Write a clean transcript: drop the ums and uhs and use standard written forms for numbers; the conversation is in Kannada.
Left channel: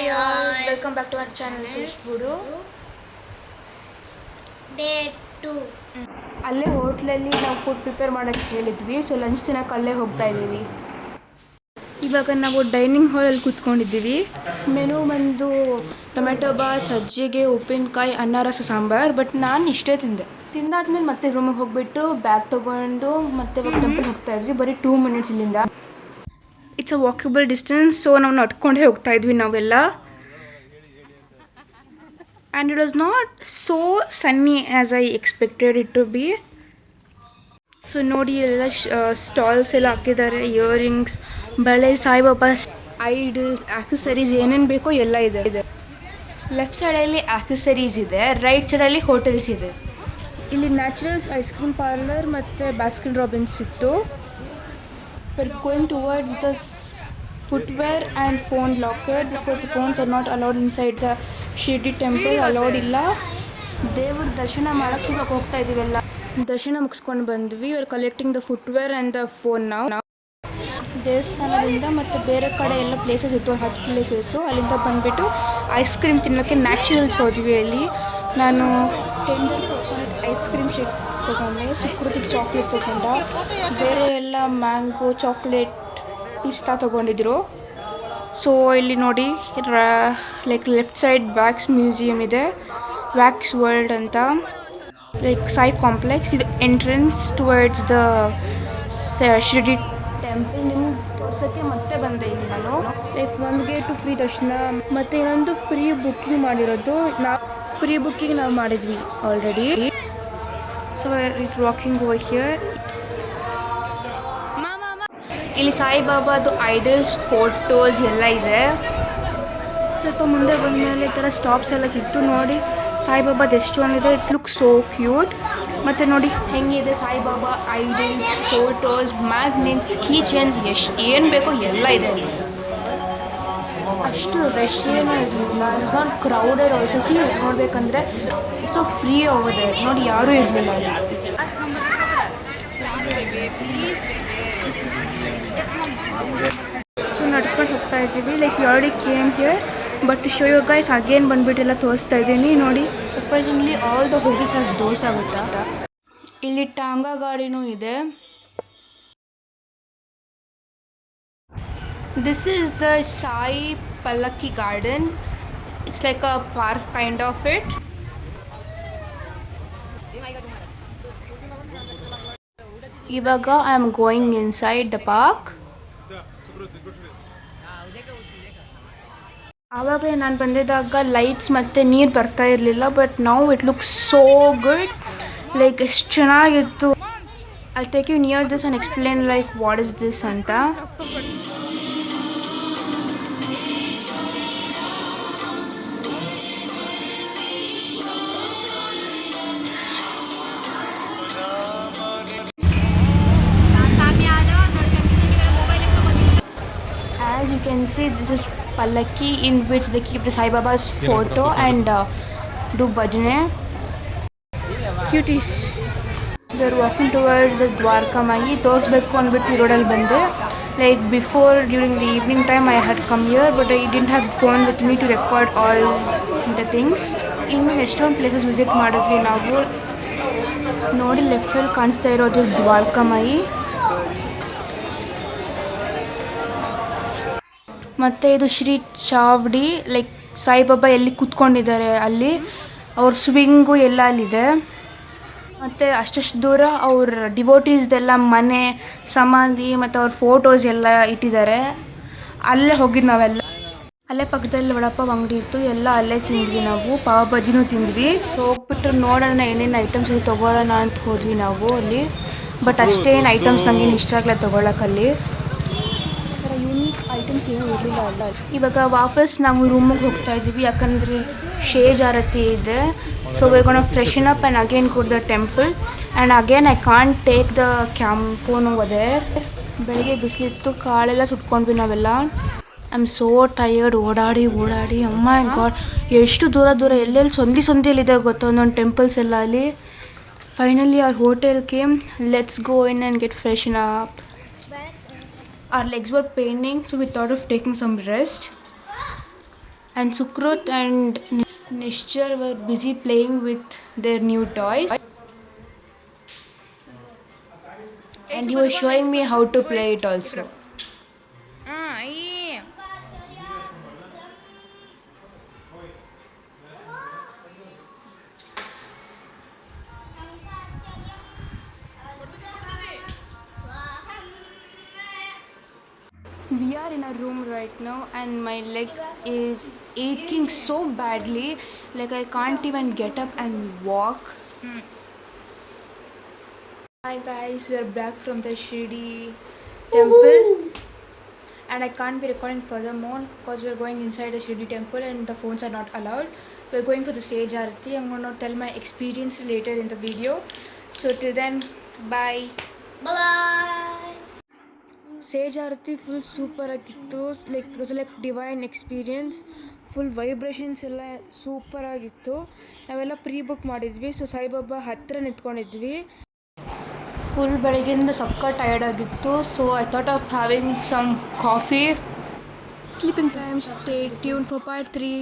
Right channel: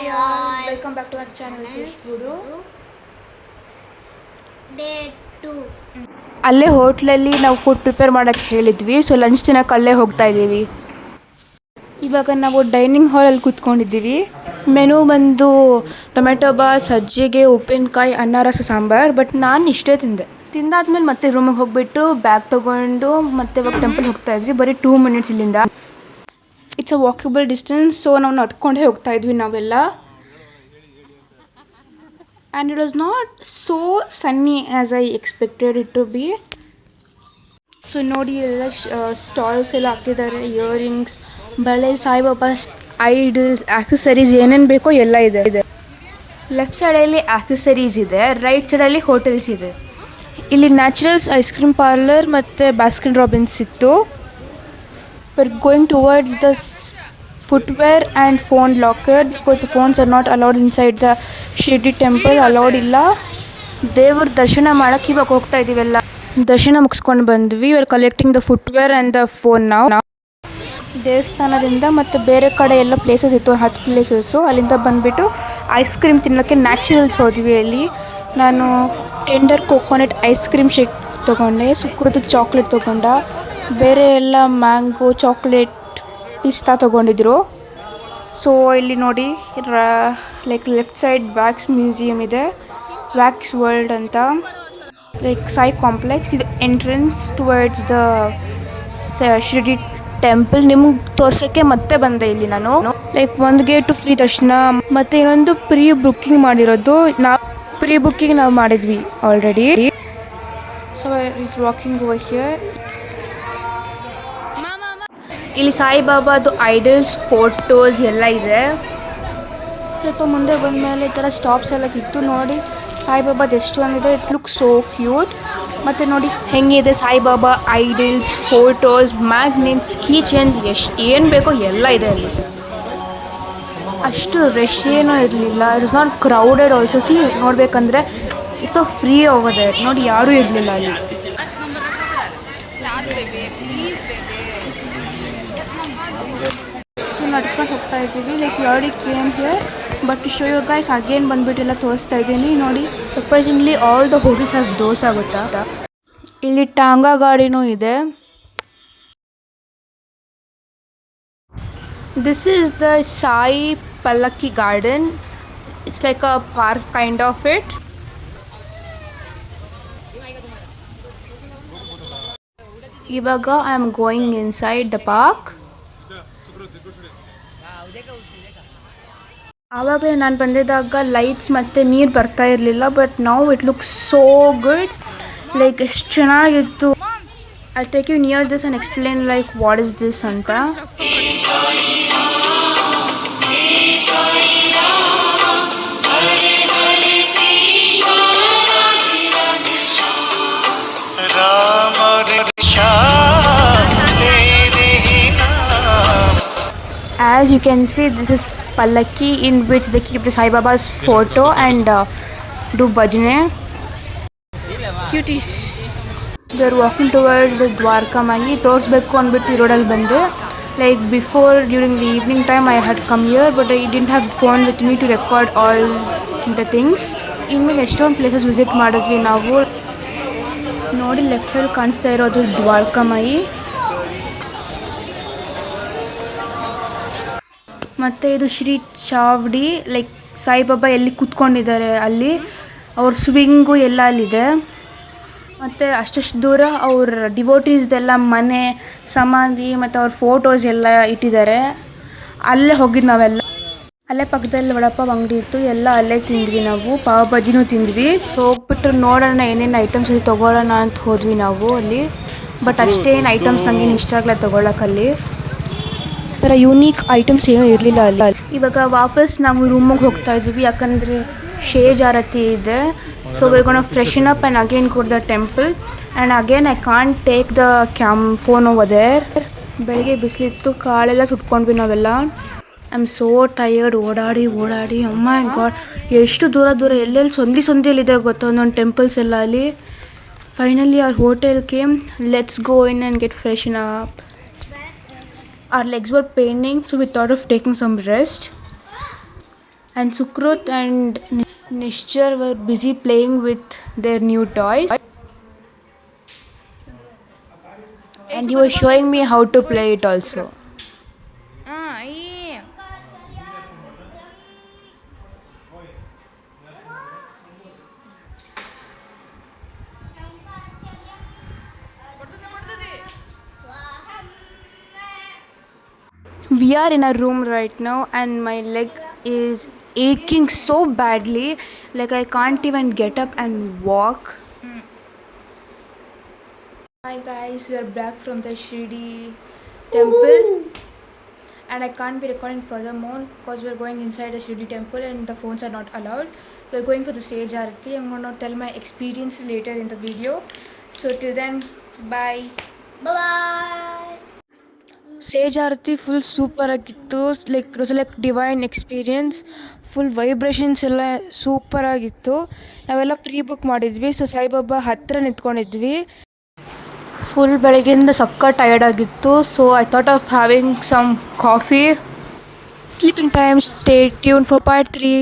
Hi all, welcome back to our channel Gudu. Day 2 ಅಲ್ಲೇ ಹೋಟ್ಲಲ್ಲಿ ನಾವು ಫುಡ್ ಪ್ರಿಪೇರ್ ಮಾಡೋಕ್ಕೆ ಹೇಳಿದ್ವಿ, ಸೊ ಲಂಚ್ ತಿನ್ನೋಕೆ ಅಲ್ಲೇ ಹೋಗ್ತಾ ಇದ್ದೀವಿ. ಇವಾಗ ನಾವು ಡೈನಿಂಗ್ ಹಾಲಲ್ಲಿ ಕೂತ್ಕೊಂಡಿದ್ದೀವಿ. ಮೆನು ಬಂದು ಟೊಮೆಟೊ ಬಾತ್, ಸಜ್ಜಿಗೆ, ಉಪ್ಪಿನಕಾಯಿ, ಅನ್ನ ರಸ ಸಾಂಬಾರು. ಬಟ್ ನಾನು ಇಷ್ಟೇ ತಿಂದಾದ್ಮೇಲೆ ಮತ್ತೆ ರೂಮಿಗೆ ಹೋಗ್ಬಿಟ್ಟು ಬ್ಯಾಗ್ ತೊಗೊಂಡು ಮತ್ತೆ ಇವಾಗ ಟೆಂಪಲ್ ಹೋಗ್ತಾ ಇದ್ವಿ. ಬರೀ 2 ಮಿನಿಟ್ಸ್ ಇಲ್ಲಿಂದ. It's a walkable distance, so ನಾವು ನಡ್ಕೊಂಡೇ ಹೋಗ್ತಾ ಇದ್ವಿ ನಾವೆಲ್ಲ. And it was not so sunny as I expected it to be. So ನೋಡಿ ಎಲ್ಲ ಸ್ಟಾಲ್ಸ್ ಎಲ್ಲ ಹಾಕಿದ್ದಾರೆ. ಇಯರಿಂಗ್ಸ್, ಬಳೆ, ಸಾಯಿಬಾಬಾ ಐಡಲ್ಸ್, ಆಕ್ಸೆಸರೀಸ್ ಏನೇನು ಬೇಕೋ ಎಲ್ಲ ಇದೆ. ಲೆಫ್ಟ್ ಸೈಡಲ್ಲಿ ಆಕ್ಸೆಸರೀಸ್ ಇದೆ, ರೈಟ್ ಸೈಡಲ್ಲಿ ಹೋಟೆಲ್ಸ್ ಇದೆ. ಇಲ್ಲಿ ನ್ಯಾಚುರಲ್ಸ್ ಐಸ್ ಕ್ರೀಮ್ ಪಾರ್ಲರ್ ಮತ್ತು ಬಾಸ್ಕಿನ್ ರಾಬಿನ್ಸ್ ಇತ್ತು. we're going towards the footwear and phone locker because the phones are not allowed inside the Shirdi temple. allowed ಇಲ್ಲ. ದೇವ್ರ ದರ್ಶನ ಮಾಡೋಕ್ಕೆ ಇವಾಗ ಹೋಗ್ತಾ ಇದ್ದೀವೆಲ್ಲ. ದರ್ಶನ ಮುಗಿಸ್ಕೊಂಡು ಬಂದ್ವಿ. We are collecting the footwear and the phone. ನಾವು ದೇವಸ್ಥಾನದಿಂದ ಮತ್ತು ಬೇರೆ ಕಡೆ ಎಲ್ಲ ಪ್ಲೇಸಸ್ ಇತ್ತು, 10 ಪ್ಲೇಸಸ್ಸು. ಅಲ್ಲಿಂದ ಬಂದುಬಿಟ್ಟು ಐಸ್ ಕ್ರೀಮ್ ತಿನ್ನೋಕ್ಕೆ ನ್ಯಾಚುರಲ್ಸ್ ಹೋದ್ವಿ. ಅಲ್ಲಿ ನಾನು tender coconut ice cream shake ತೊಗೊಂಡೆ, ಸುಕ್ರದ ಚಾಕ್ಲೇಟ್ ತೊಗೊಂಡ, ಬೇರೆ ಎಲ್ಲ ಮ್ಯಾಂಗೋ, ಚಾಕ್ಲೇಟ್, ಪಿಸ್ತಾ ತೊಗೊಂಡಿದ್ರು. ಸೊ ಇಲ್ಲಿ ನೋಡಿ like left side wax museum ಇದೆ, ವ್ಯಾಕ್ಸ್ ವರ್ಲ್ಡ್ ಅಂತ, ಲೈಕ್ ಸಾಯಿ ಕಾಂಪ್ಲೆಕ್ಸ್. ಇದು entrance towards the Shirdi temple. ನಿಮ್ಗೆ ತೋರ್ಸೋಕ್ಕೆ ಮತ್ತೆ ಬಂದೆ ಇಲ್ಲಿ ನಾನು. ಲೈಕ್ ಒಂದು ಗೇಟು ಫ್ರೀ ದರ್ಶನ ಮತ್ತು ಇನ್ನೊಂದು ಪ್ರೀ ಬುಕ್ಕಿಂಗ್ ಮಾಡಿರೋದು. ಪ್ರೀ ಬುಕ್ಕಿಂಗ್ ನಾವು ಮಾಡಿದ್ವಿ already. So it's walking over here. ಇಲ್ಲಿ ಸಾಯಿಬಾಬಾದು ಐಡಲ್ಸ್, ಫೋಟೋಸ್ ಎಲ್ಲ ಇದೆ. ಸ್ವಲ್ಪ ಮುಂದೆ ಬಂದಮೇಲೆ ಈ ಥರ ಸ್ಟಾಪ್ಸ್ ಎಲ್ಲ ಸಿಕ್ತು. ನೋಡಿ ಸಾಯಿಬಾಬಾದು ಎಷ್ಟು ಒಂದಿದೆ. It look so cute. ಮತ್ತು ನೋಡಿ ಹೆಂಗಿದೆ Saibaba idols, photos, magnets, key chains, ಏನು ಬೇಕೋ ಎಲ್ಲ ಇದೆ ಅಲ್ಲಿ. ಅಷ್ಟು ರಶ್ ಏನೂ ಇರಲಿಲ್ಲ. It's not crowded also. ಸಿ ನೋಡಬೇಕಂದ್ರೆ it's a free over there. ನೋಡಿ ಯಾರೂ ಇರಲಿಲ್ಲ ಅಲ್ಲಿ. ಸೊ ನಡ್ಕೊಂಡು ಹೋಗ್ತಾ ಇದ್ದೀವಿ. Like you already came here, but show you guys again ಬಂದುಬಿಟ್ಟೆಲ್ಲ ತೋರಿಸ್ತಾ ಇದ್ದೀನಿ. ನೋಡಿ surprisingly all the hotels have dosa ಗೊತ್ತಾ. ಇಲ್ಲಿ ಟಾಂಗಾ ಗಾಡಿನೂ ಇದೆ. This is the Sai Pallakki garden. It's like a park kind of it. ಇವಾಗ I am going inside the park. ಆವಾಗಲೇ ನಾನು ಬಂದಿದ್ದಾಗ ಲೈಟ್ಸ್ ಮತ್ತು ನೀರು ಬರ್ತಾ ಇರಲಿಲ್ಲ, but now it looks so good. Like ಎಷ್ಟು ಚೆನ್ನಾಗಿತ್ತು. I take you near this and explain like what is this ಅಂತ. As you can see, this is Pallaki in which they keep the Sai Baba's photo and do bhajane. Cuties. We are walking towards the Dwarka Mai. ತೋರಿಸ್ಬೇಕು ಅಂದ್ಬಿಟ್ಟು ಈ ರೋಡಲ್ಲಿ ಬಂದೆ. Like before, during the evening time I had come here, but I didn't have phone with me to record all the things. ಇನ್ನು ಎಷ್ಟೊಂದು ಪ್ಲೇಸಸ್ ವಿಸಿಟ್ ಮಾಡಿದ್ವಿ ನಾವು. ನೋಡಿ ಲೆಫ್ಟ್ ಸೈಡ್ ಕಾಣಿಸ್ತಾ ಇರೋದು ದ್ವಾರಕಾ ಮೈ. ಮತ್ತು ಇದು ಶ್ರೀ ಚಾವಡಿ, ಲೈಕ್ ಸಾಯಿಬಾಬಾ ಎಲ್ಲಿ ಕೂತ್ಕೊಂಡಿದ್ದಾರೆ ಅಲ್ಲಿ, ಅವ್ರ ಸ್ವಿಂಗು ಎಲ್ಲ ಅಲ್ಲಿದೆ. ಮತ್ತು ಅಷ್ಟಷ್ಟು ದೂರ ಅವ್ರ ಡಿವೋಟೀಸ್ದೆಲ್ಲ ಮನೆ, ಸಮಾಧಿ ಮತ್ತು ಅವ್ರ ಫೋಟೋಸ್ ಎಲ್ಲ ಇಟ್ಟಿದ್ದಾರೆ. ಅಲ್ಲೇ ಹೋಗಿದ್ದು ನಾವೆಲ್ಲ. ಅಲ್ಲೇ ಪಕ್ಕದಲ್ಲಿ ವಡಪಾವ್ ಅಂಗಡಿ ಇತ್ತು, ಎಲ್ಲ ಅಲ್ಲೇ ತಿಂದ್ವಿ ನಾವು. ಪಾವ್ ಭಾಜಿನೂ ತಿಂದ್ವಿ. ಸೊ ಹೋಗ್ಬಿಟ್ಟು ನೋಡೋಣ ಏನೇನು ಐಟಮ್ಸ್ ಇದೆ ತೊಗೊಳ್ಳೋಣ ಅಂತ ಹೋದ್ವಿ ನಾವು ಅಲ್ಲಿ. ಬಟ್ ಅಷ್ಟೇನು ಐಟಮ್ಸ್ ನನಗೇನು ಇಷ್ಟ ಆಗಲ್ಲ ತೊಗೊಳಕ್ಕಲ್ಲಿ. ಥರ ಯೂನೀಕ್ ಐಟಮ್ಸ್ ಏನೂ ಇರಲಿಲ್ಲ ಅಲ್ಲಿ. ಇವಾಗ ವಾಪಸ್ ನಾವು ರೂಮಿಗೆ ಹೋಗ್ತಾ ಇದ್ದೀವಿ, ಯಾಕಂದರೆ ಶೇಜ್ ಆರತಿ ಇದೆ. So we gonna freshen up and again go to the temple. And again I can't take the phone over there. ಬೆಳಗ್ಗೆ ಬಿಸಿಲಿತ್ತು, ಕಾಳೆಲ್ಲ ಸುಟ್ಕೊಂಡ್ವಿ ನಾವೆಲ್ಲ. I am so tired. ಓಡಾಡಿ ಅಮ್ಮ ಗಾಡ್, ಎಷ್ಟು ದೂರ ಎಲ್ಲೆಲ್ಲಿ ಸಂದಿಯಲ್ಲಿದೆ ಗೊತ್ತಾ ಒಂದೊಂದು ಟೆಂಪಲ್ಸ್ ಎಲ್ಲ ಅಲ್ಲಿ. Finally our hotel came. Let's go in and get freshen up. Our legs were paining, so we thought of taking some rest. And Sukrut and Nishchar were busy playing with their new toys. And he was showing me how to play it also. We are in a room right now and my leg is aching so badly, like I can't even get up and walk. Hi guys, we are back from the Shirdi temple. And I can't be recording furthermore because we're going inside the Shirdi temple and the phones are not allowed. We're going for the stage arati. I'm going to tell my experience later in the video. So till then, bye. Bye. Sage Arati full super ಆಗಿತ್ತು. Like it was like divine experience. Full vibrations ಎಲ್ಲ ಸೂಪರ್ ಆಗಿತ್ತು. ನಾವೆಲ್ಲ ಪ್ರೀ ಬುಕ್ ಮಾಡಿದ್ವಿ. ಸೊ ಸಾಯಿಬಾಬಾ ಹತ್ತಿರ ನಿಂತ್ಕೊಂಡಿದ್ವಿ. ಫುಲ್ ಬೆಳಗ್ಗೆಯಿಂದ ಸಕ್ಕ ಟಯರ್ಡ್ ಆಗಿತ್ತು. So I thought of having some coffee. Sleeping time. Stay tuned for part 3.